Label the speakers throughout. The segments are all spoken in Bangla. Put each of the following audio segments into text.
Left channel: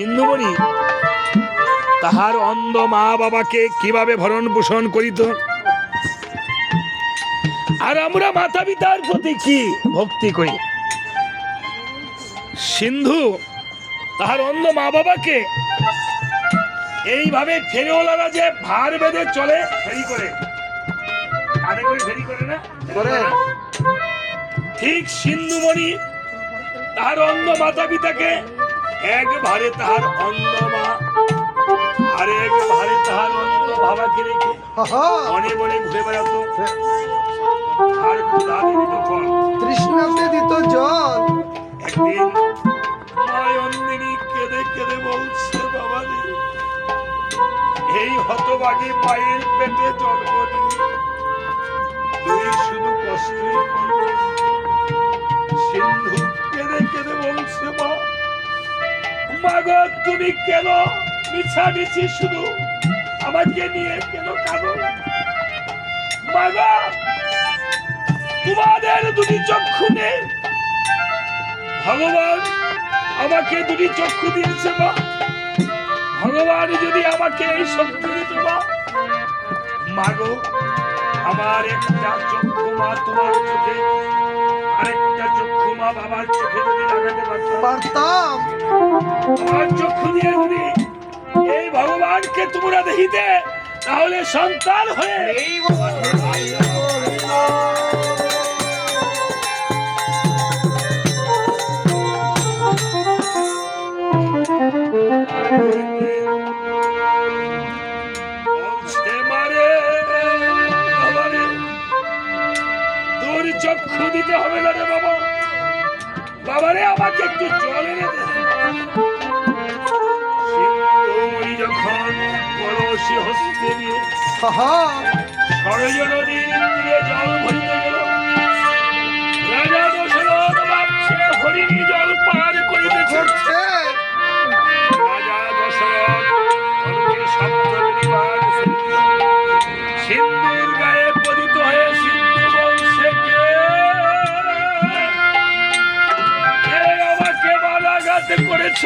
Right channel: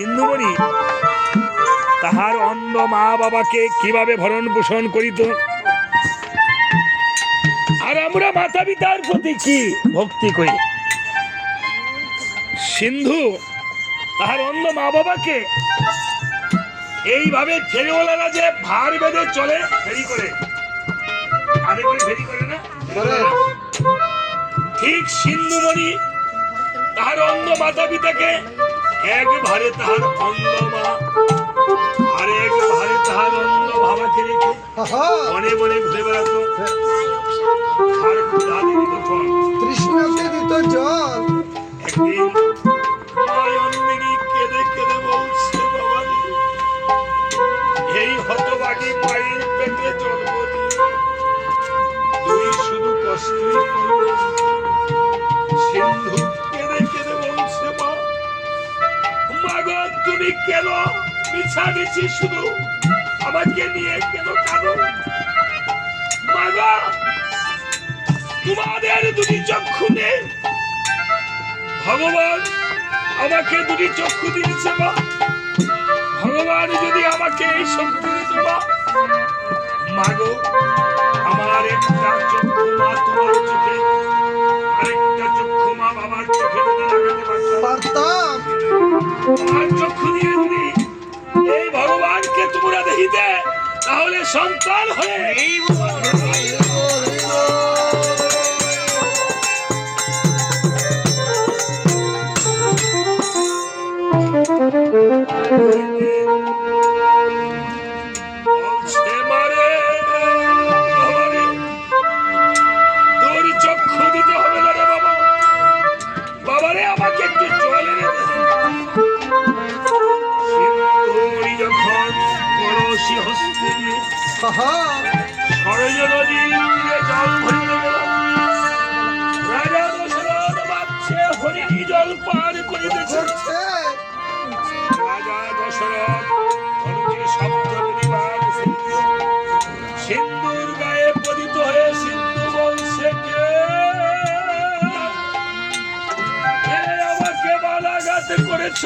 Speaker 1: সিন্ধুমণি তাহার অন্ধ মা বাবাকে কীভাবে ভরণ পোষণ করিত? আর আমরা মাতা পিতার প্রতি কি ভক্তি করি? সিন্ধু তাহার অন্ধ মা বাবাকে এইভাবে ফেরিওয়ালারা যে ভার বেঁধে চলে ফেরি করে। কাঁধে করে ফেরি করে না?
Speaker 2: করে।
Speaker 1: ঠিক সিন্ধুমণি তাহার অন্ধ মাতা পিতাকে এক ভারে তাহার অন্ধ মা আরেক ভারে তাহার অন্ধ বাবাকে রেখে
Speaker 2: অনেক
Speaker 1: মনে মনে ঘুরে বেড়াতো। আর
Speaker 2: দিত জল।
Speaker 1: একদিন মা তুমি কেন মিছামিছি শুধু আমাকে নিয়ে কেন কাঁদো? মা তোমাদের দুটি চক্ষু নেই। ভগবান আমাকে দুটি চক্ষু দিয়েছে মা। ভগবান যদি আমাকে এই শক্তি দিত মা, মাগো, আমার একটা চক্ষু মা তোমার চোখে, আরেকটা চক্ষু মা বাবার চোখে লাগাতে পারতাম। তোমার চক্ষু দিয়ে যদি এই ভগবানকে তোমরা দেখিতে তাহলে সন্তান হয়ে এই বলছে নদীর তীরে জল ভরিতে গেল রাজা দশরথ ভাবছে হরিণী জল পার করিতেছে। রাজা দশরথ কনকের শব্দ শুনিল। সিন্ধুর গায়ে পতিত হয়ে সিন্ধু বংশে কে করেছ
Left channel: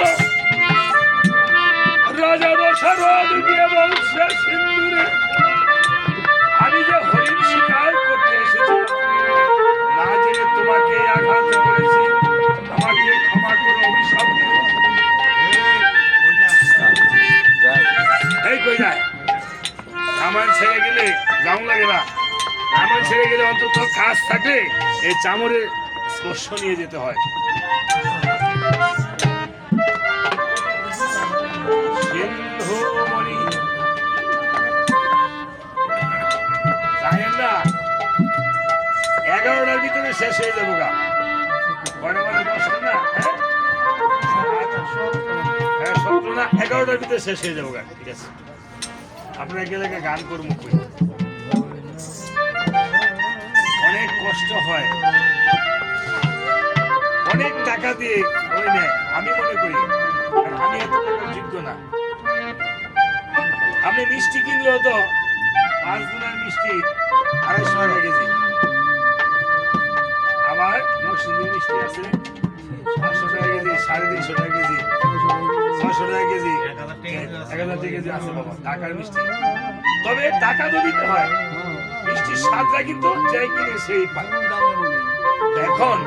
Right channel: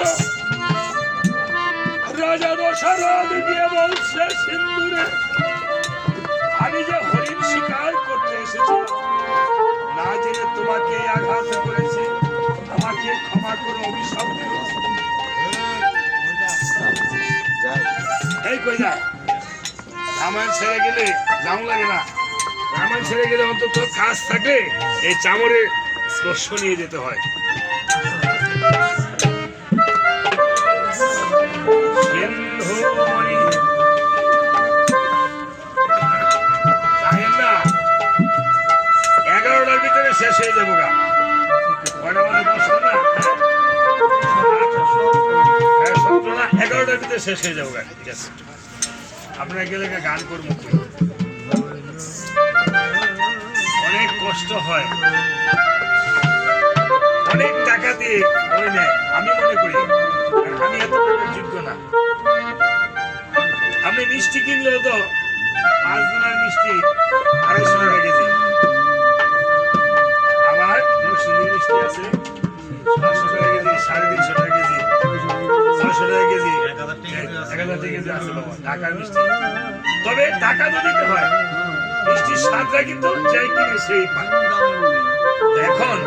Speaker 1: রাজা দশরথ গিয়ে বলছে সিন্ধুরে আমি যে হরিণ শিকার করতে এসেছিলাম না জেনে তোমাকে আঘাত করেছি, আমাকে ক্ষমা করে, অভিশাপ এই কই যায়? রামায়ণ ছেড়ে গেলে জাম লাগে না। রামায়ণ ছেড়ে গেলে অন্তত কাজ থাকলে এই চামড়ের স্পর্শ নিয়ে যেতে হয়। শেষ হয়ে যাব গা। হ্যাঁ, এগারোটার শেষ হয়ে যাব ঠিক আছে? আপনারা গেলে গান করব অনেক কষ্ট হয়। অনেক টাকা দিয়ে আমি মনে করি। আমি এত যোগ্য না। আপনি মিষ্টি কিনলেও তো পাঁচ দিনের মিষ্টি তবে টাকা তো হয়, মিষ্টির স্বাদটা কিন্তু যাই কিনে সেই এখন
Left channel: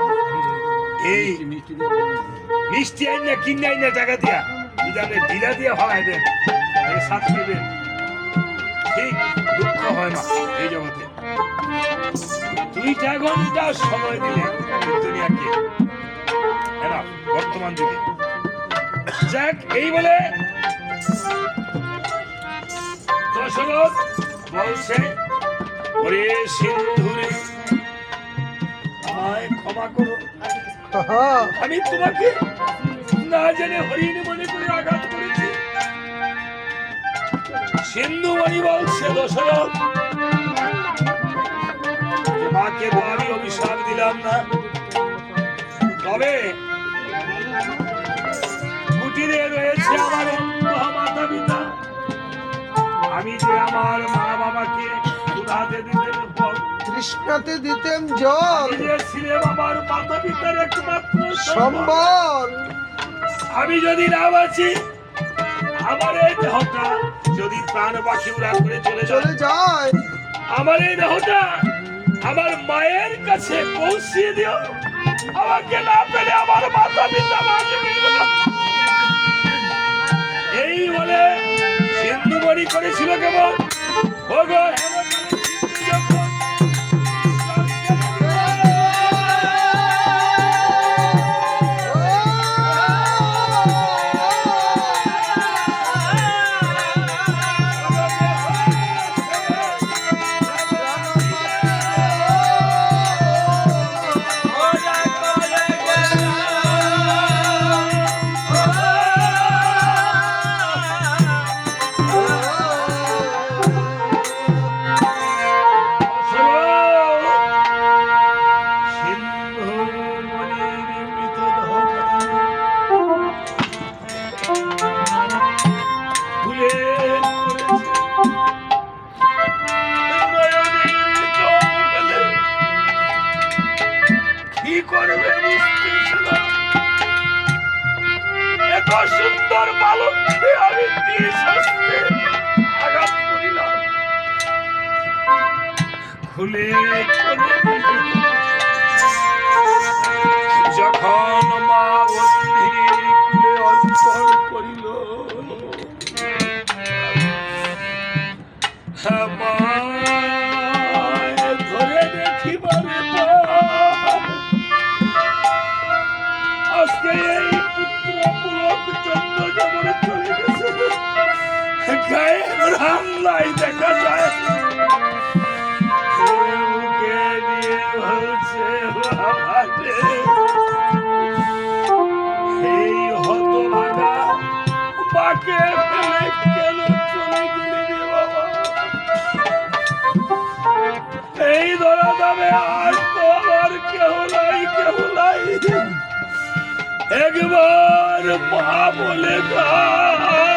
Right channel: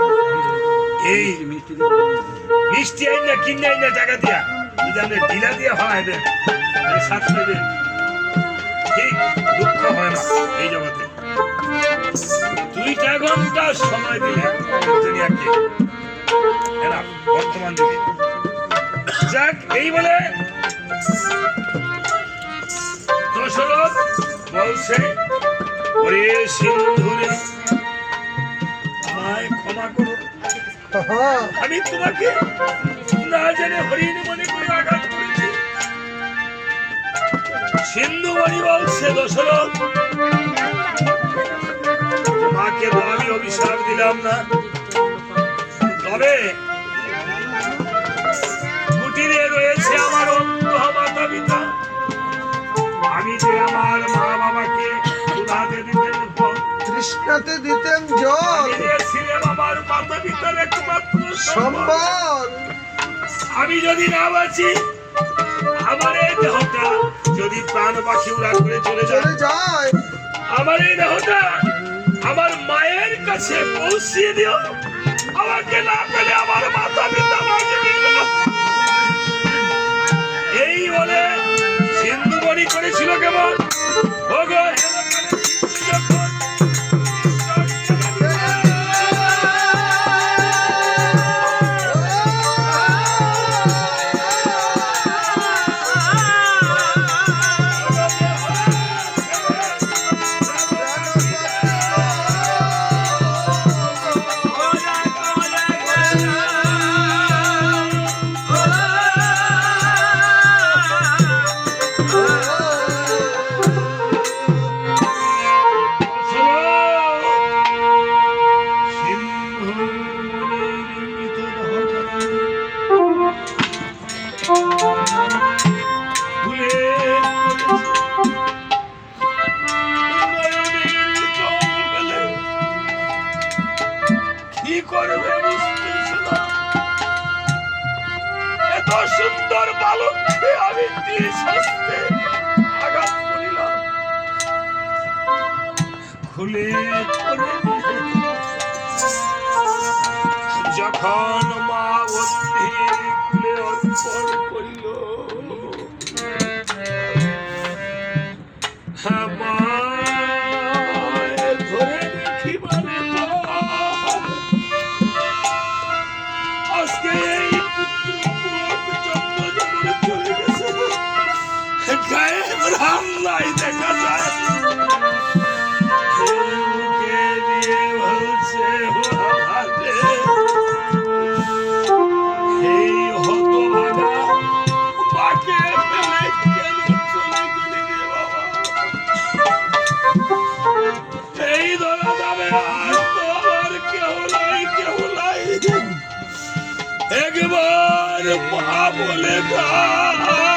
Speaker 1: এই মিষ্টি আইন, কিনে আইন না টাকা দিয়া, যদি আপনি দিয়া ফালাই দেন স্বাদ নেবেন ঠিক দুঃখ হয় না এই জগতে। দুইটা ঘণ্টা সময় দিলে দুনিয়াকে এরা বর্তমান যুগে। যাক, এই বলে আমি তোমাকে না জেনে হরিণ মনে করে আঘাত করেছি। সিন্ধু মণি বলছে দশরথ। মাকে তো আমি অভিশাপ দিলাম না। তবে
Speaker 2: তৃষ্ণাতে দিতেন জল।
Speaker 1: মাতা সম্বল। আমি যদি না বাঁচি আমার এই দেহটা যদি প্রাণ পাখি উড়ান করে চলে
Speaker 2: চলে যায়।
Speaker 1: আমার এই দেহটা আমার মায়ের কাছে পৌঁছিয়ে দিও। আমাকে না পেলে আমার মাথা পিতা। এই বলে সিন্ধুমণি করেছিল কেবল। ওগো খুলে অর্পণ করিল একবার মা বলে ডাক।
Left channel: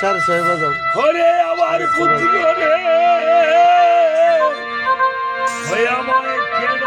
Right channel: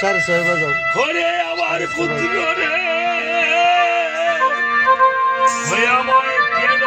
Speaker 2: সাড়ে ছয় বাজাও।
Speaker 1: হরে আমার পুত্র রে। আমায় কেন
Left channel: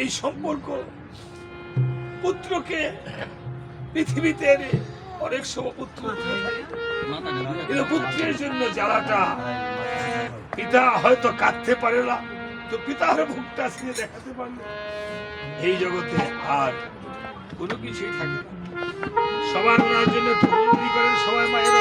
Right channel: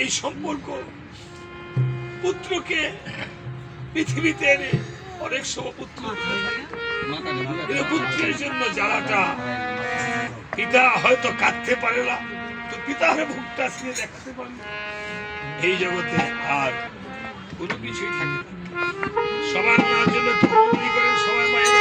Speaker 1: এই সম্পর্ক পুত্রকে পৃথিবীতে অনেক সময় পুত্র পুত্রের জন্য জ্বালাটা পিতা হয়তো কাঁদতে পারে না, তো পিতার আজকে দেখাতে পারলে। এই জগতে আর কোনো কিছুই থাকে না। সবার ওনার জন্য অনুমতি করেন? সবাই মায়ের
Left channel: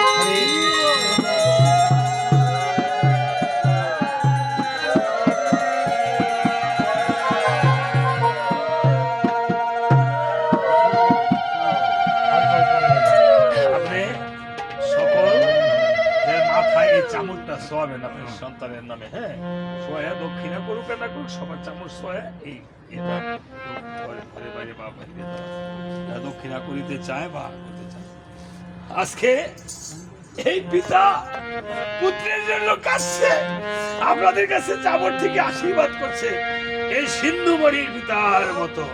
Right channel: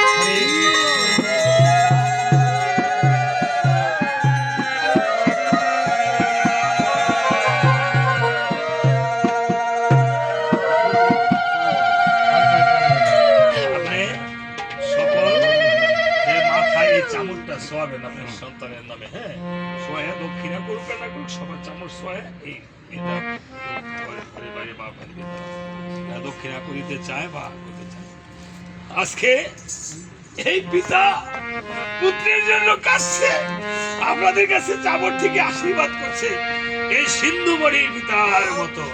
Speaker 1: সন্তানের নামে হ্যাঁ? শোয়া দক্ষিণা করুক না করুক, সবার চামচ শোয়া, এই, এটা দক্ষিণা করিতে চায় বা আজকে এই পিতা পুত্রের জন্য কাছে আপনাদের কাছে চাবর থেকে আশীর্বাদ করছে। এই সিন্ধু মরির পিতার মতো।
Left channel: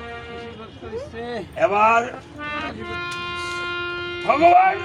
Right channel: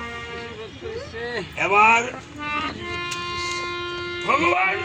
Speaker 1: এবার ভগবান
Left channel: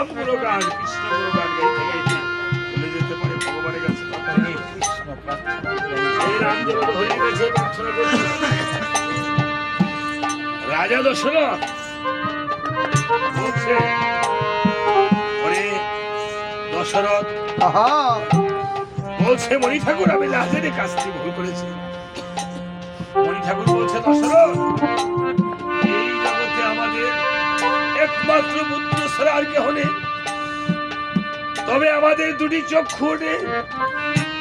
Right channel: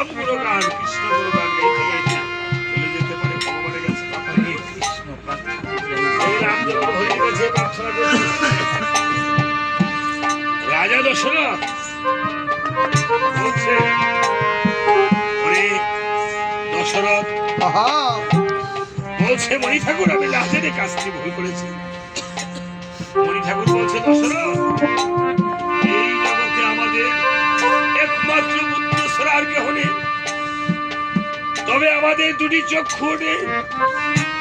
Speaker 1: গুণগান রাম গুণগান কৃষ্ণ গাইতে গাইতে চলে যেতে পারে ভগবানের কাছে। এই রাম যেন কাছে প্রার্থনা রাজা দশরথ বলছে ওরে দশরথ বলছে মণি ঠাকুর আমি লাজের কাজটি ভুল করেছি। মণি ঠাকুর বলছে দশরথ এই জগতে আমাদের একমাত্র ছাড়া আর কেহ নেই। তবে আমাদের দুটি চক্ষু নেই।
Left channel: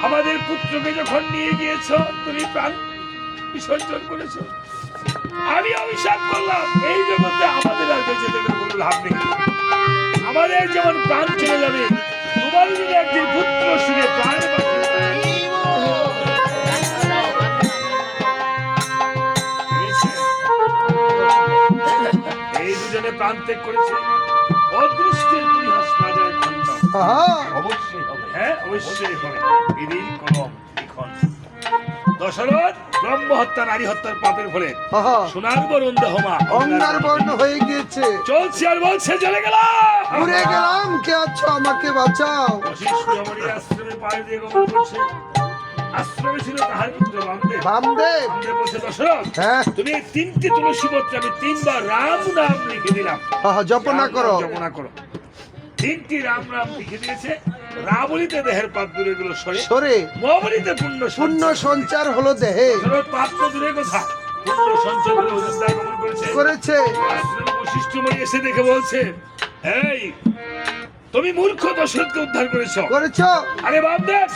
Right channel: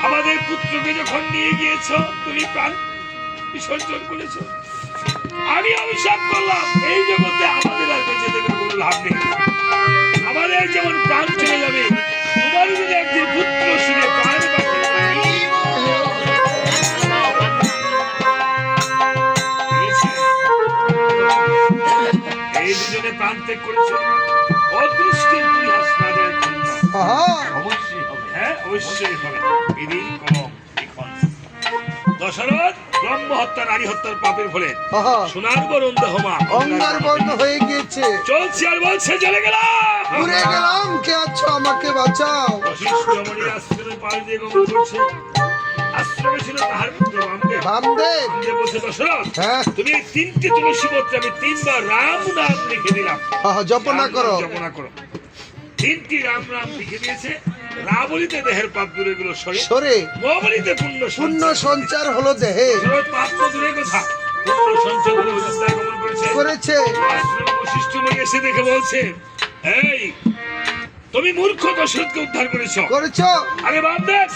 Speaker 1: আমাদের পুত্রকে যখন নিয়ে গিয়েছ, তুমি প্রাণ বিসর্জন করেছ। আমি অভিশাপ করলাম, এই জগতে আমাদের আর বেঁচে থেকে কোনো লাভ নেই। আমাদের যেমন প্রাণ চলে যাবে তোমার যদি একদিন পুত্র শুনে প্রাণ এই প্রাণ ত্যাগ করেছে।
Speaker 3: অবশ্যই হবে
Speaker 1: হ্যাঁ অবশ্যই হবে। দশরথ ব্রহ্ম হত্যা নারী হত্যার পাপের ফলে
Speaker 2: আহা।
Speaker 1: সোনার বরণ দেহমা
Speaker 2: অঙ্গার বর্ণ হয়ে গিয়েছে।
Speaker 1: চলছে আর বলছে চলে গেলাম।
Speaker 2: কে আছো আমাকে বাঁচাও।
Speaker 1: ছিল তাহার পুত্র বামদেব।
Speaker 2: বামদেব।
Speaker 1: বলছে দশরথ
Speaker 2: হ্যাঁ।
Speaker 1: তুমি তিনটি তুলসী পত্রে আমি তিনবার রাম নাম লিখে দিলাম।
Speaker 2: জপনা করো।
Speaker 1: জপনা করো। তিনটি রাম নাম লিখে দিয়েছে। রাবলিতে দেহের পাপ দূরে গুলো সরে।
Speaker 2: সরে।
Speaker 1: মবলিতে পুণ্য
Speaker 2: পুণ্য সঞ্চার হলো দেহে।
Speaker 1: পাপ তো দূরের কথা। পুণ্য সঞ্চয় করে করেছে।
Speaker 2: করেছে।
Speaker 1: আশ্রমে বশিষ্ঠ এসে দেখে বলছে এই তুমি মূর্খ দশরথকে উদ্ধার করেছ।
Speaker 2: করেছ।
Speaker 1: আরে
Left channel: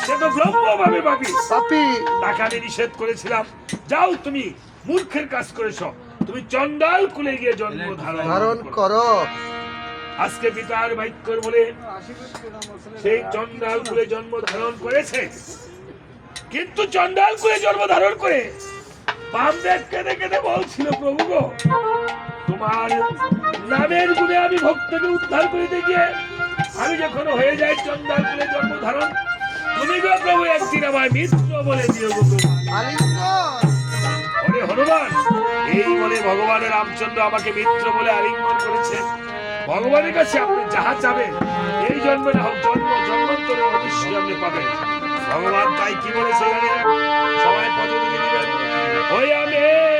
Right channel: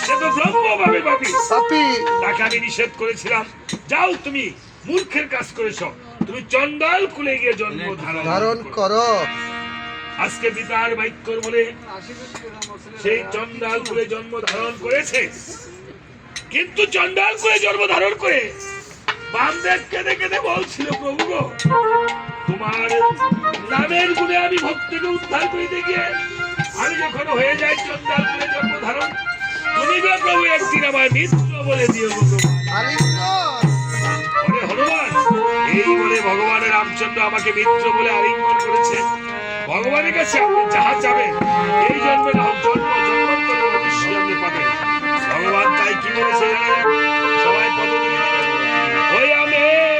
Speaker 1: সে তো ব্রহ্ম ভাবে পাবি
Speaker 2: পাপি।
Speaker 1: তাকে আমি নিষেধ করেছিলাম। যাও তুমি মূর্খের কাজ করেছ। তুমি চন্ডাল কুলে গিয়ে জন্ম
Speaker 2: ধারণ
Speaker 1: ধারণ করো। আজকে পিতার বাক্যর বলে সেই চন্ডাল কুলে জন্ম ধারণ করেছে। কিন্তু চন্ডাল কুলে জন্ম ধারণ করে বামদেব কেঁদে কেঁদে বলছিল, প্রভু গো, তোমার নামের গুণে আমি ভক্তকে উদ্ধার করিতে গিয়ে আমি যখন হয়ে যাই চন্ডাল কুলে জন্ম ধারণ তুমি গো প্রভু একদিন আমায় মিত্র বলে দিও গো হনুমান, এই বলে ভগবানের রামচন্দ্র আমাকে মিত্র বলে আলিঙ্গন করেছে। ভগবানের কাছে আপনি যাহা চাবেন, এই জন্মে না হোক জন্ম, জন্মান্তরে অবশ্যই আপনি পাবেন। ভগবান তাই কি বলেছে জানেন? সবাই পদ হয়ে আমি।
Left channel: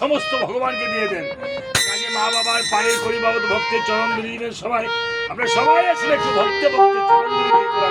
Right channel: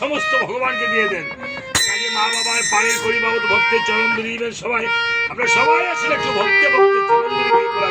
Speaker 1: সমস্ত ভগবানকে দিয়ে দেন। কাজে মা বাবার পাড়ের পরিবাবত ভক্তের চরণ দিবেন সবাই আপনার সবাই আসলে একটু ভক্তে ভক্তের চরণ করা।